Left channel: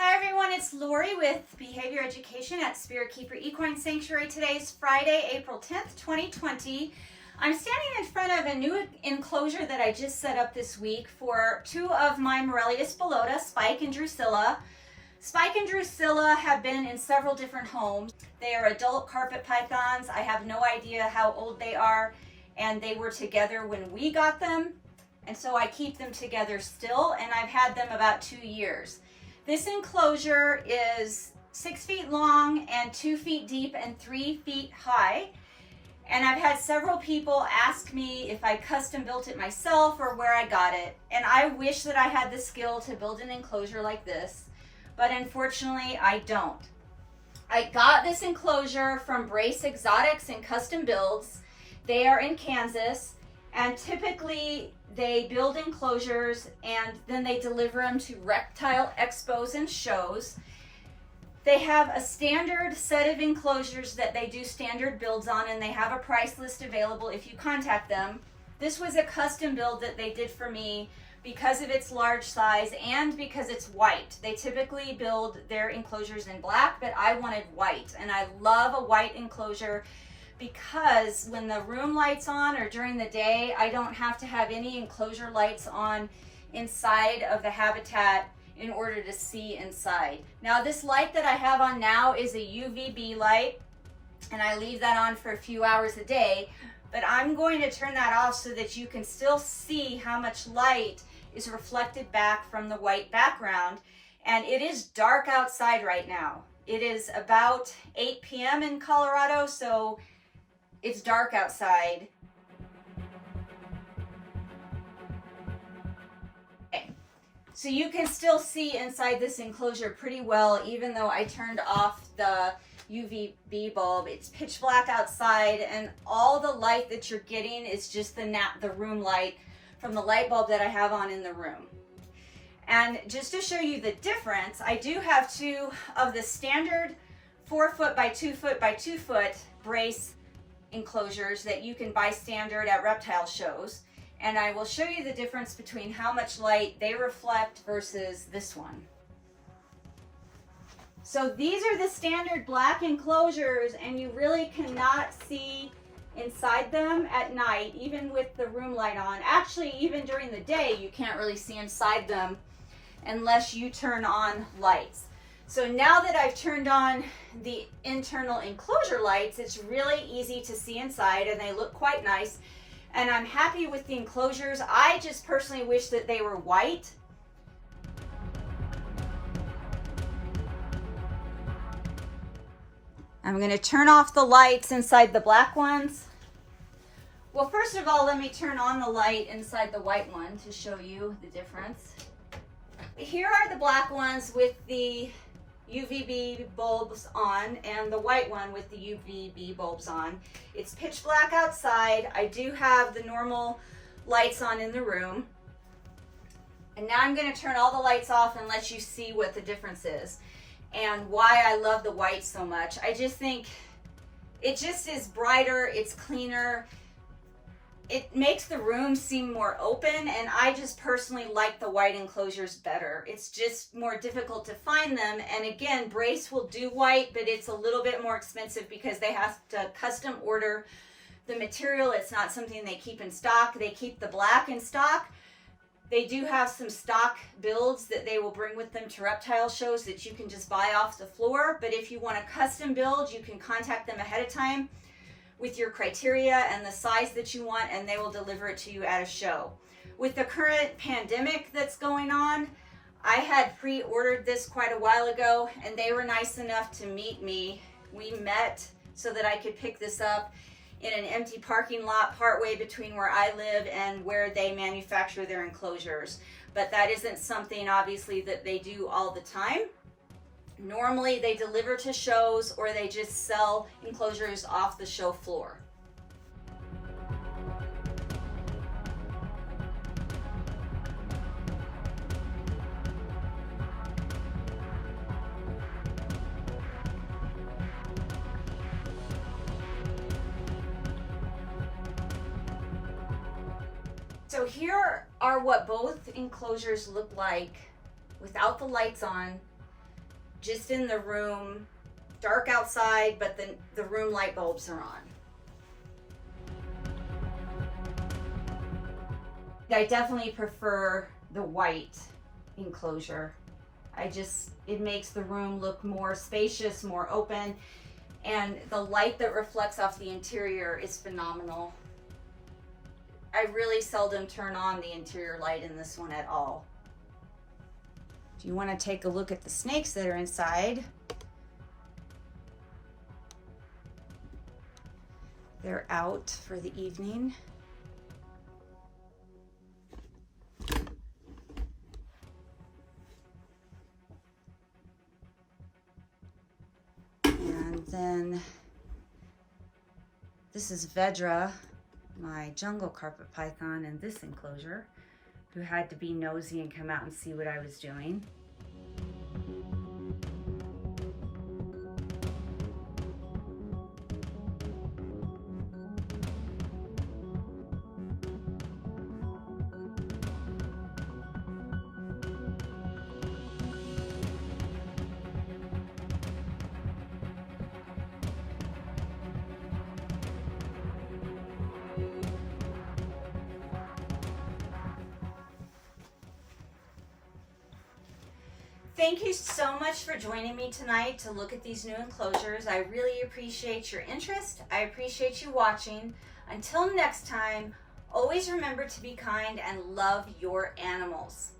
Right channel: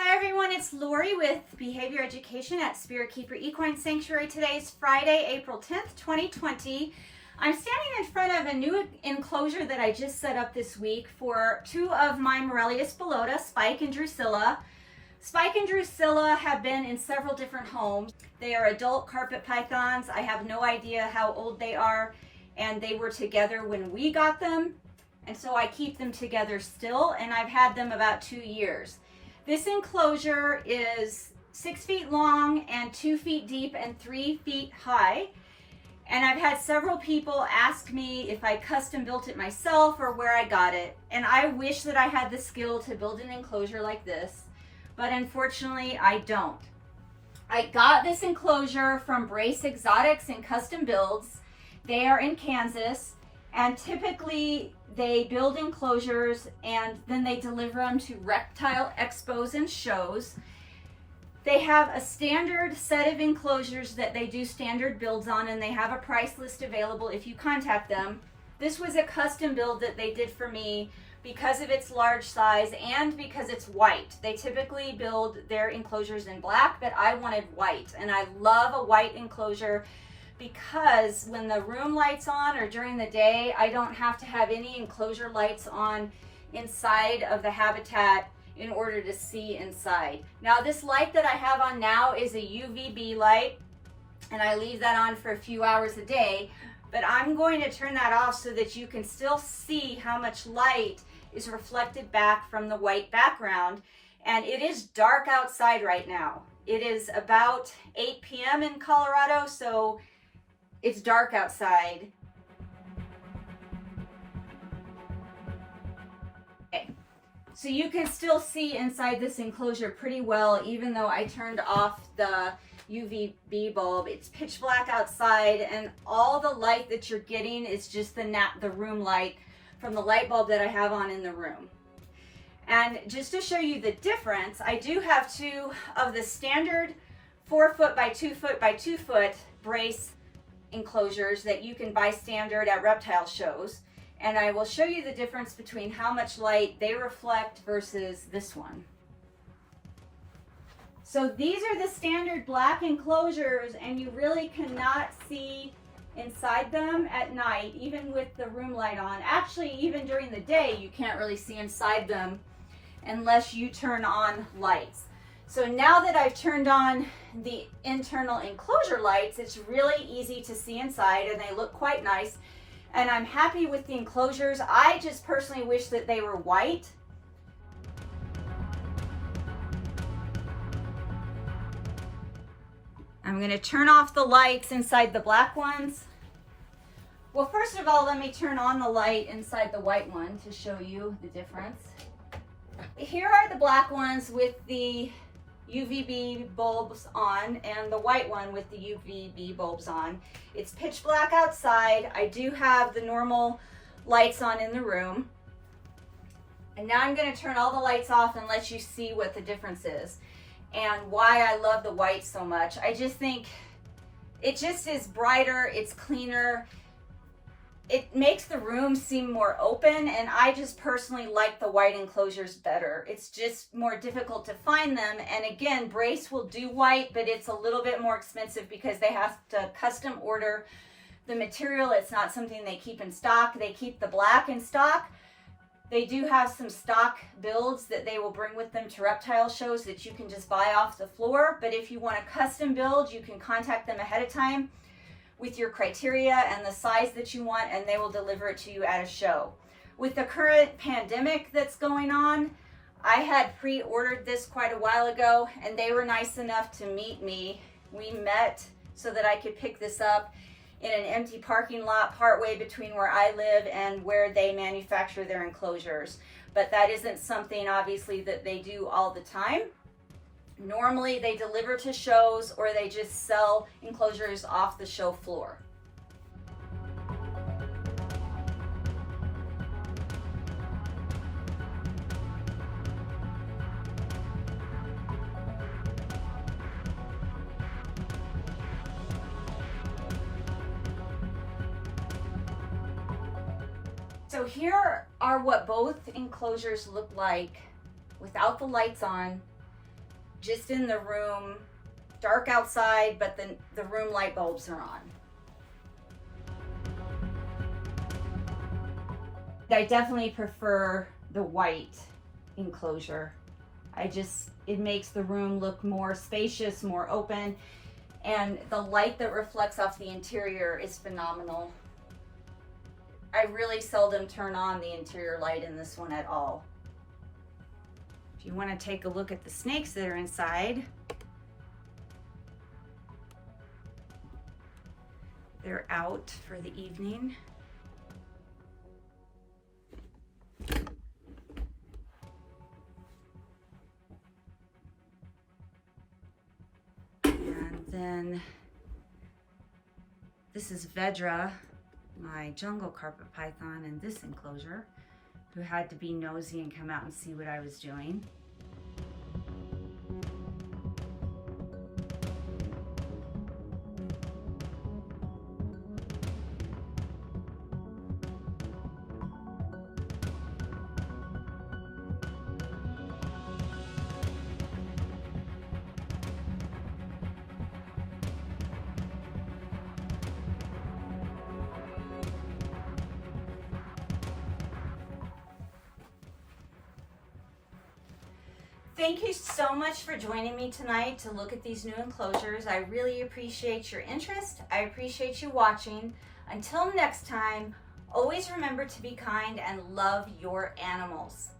Hi everyone, it's Lori with Behavior Education at Spirit Keeper Equine Sanctuary. Today is Friday, April 10th, 2020. I'm standing in front of a new enclosure that I just set up this week for two of my Morelia spilota, Spike and Drusilla. Spike and Drusilla have been in several different homes. They are adult carpet pythons. I have no idea how old they are, and they were together when we got them, and so I keep them together still, and I've had them about 2 years. This enclosure is 6 feet long and 2 feet deep and 3 feet high. And I've had several people ask me if I custom built it myself or where I got it. And I wish that I had the skill to build an enclosure like this, but unfortunately I don't. I got this enclosure from Brace Exotics and Custom Builds. They are in Kansas. And typically they build enclosures and then they deliver them to reptile expos and shows. They have a standard set of enclosures that they do standard builds on, and they have a price list available if you contact them. This was a custom build that they did for me because of its large size and because it's white. They typically build their enclosures in black, but I wanted white, and I love a white enclosure because when the room lights on or during the day, I don't have to have any enclosure lights on inside of the habitat in order to see inside. Now this light that I have on now is a UVB light, and I leave that on for a few hours a day, but I'm going to turn that off so that you can still see how much light is reflected back from the white background. And it is dark outside right now. It is about 8 p.m. in Colorado, so it's dark outside. Okay. So you can still see inside this enclosure pretty well, even though I turned off the UVB bulb. It's pitch black outside, and all the light that you're getting is just the room light from the light bulb that I have on in the room. And just to show you the difference, I do have two of the standard 4 foot by 2 foot by 2 foot brace enclosures that you can buy standard at reptile shows, and I will show you the difference between how much light they reflect versus this one. So these are the standard black enclosures, and you really cannot see inside them at night, even with the room light on. Actually, even during the day you can't really see inside them unless you turn on lights. So now that I've turned on the internal enclosure lights, it's really easy to see inside, and they look quite nice. And I'm happy with the enclosures. I just personally wish that they were white. I'm going to turn off the lights inside the black ones. Well, first of all, let me turn on the light inside the white one to show you the difference. Here are the black ones with the UVB bulbs on, and the white one with the UVB bulbs on. It's pitch black outside. I do have the normal lights on in the room. And now I'm going to turn all the lights off and let you see what the difference is and why I love the white so much. I just think it just is brighter, it's cleaner. It makes the room seem more open, and I just personally like the white enclosures better. It's just more difficult to find them, and again, Brace will do white, but it's a little bit more expensive because they have to custom order the material. It's not something they keep in stock. They keep the black in stock. They do have some stock builds that they will bring with them to reptile shows that you can just buy off the floor, but if you want a custom build, you can contact them ahead of time with your criteria and the size that you want, and they will deliver it to you at a show. With the current pandemic that's going on, I had pre-ordered this quite a while ago, and they were nice enough to meet me. We met so that I could pick this up in an empty parking lot partway between where I live and where they manufacture their enclosures. But that isn't something, obviously, that they do all the time. Normally they deliver to shows, or they just sell enclosures off the show floor. So here are what both enclosures look like without the lights on. just in the room, dark outside, but the room light bulbs are on. I definitely prefer the white enclosure. It makes the room look more spacious, more open, and the light that reflects off the interior is phenomenal. I really seldom turn on the interior light in this one at all. If you want to take a look at the snakes that are inside, they're out for the evening. And then this is Vedra, my jungle carpet python, in this enclosure, who had to be nosy and come out and see what I was doing. Thank you so much for joining me tonight to look at these new enclosures. I really appreciate your interest. I appreciate you watching. Until next time, always remember to be kind and love your animals.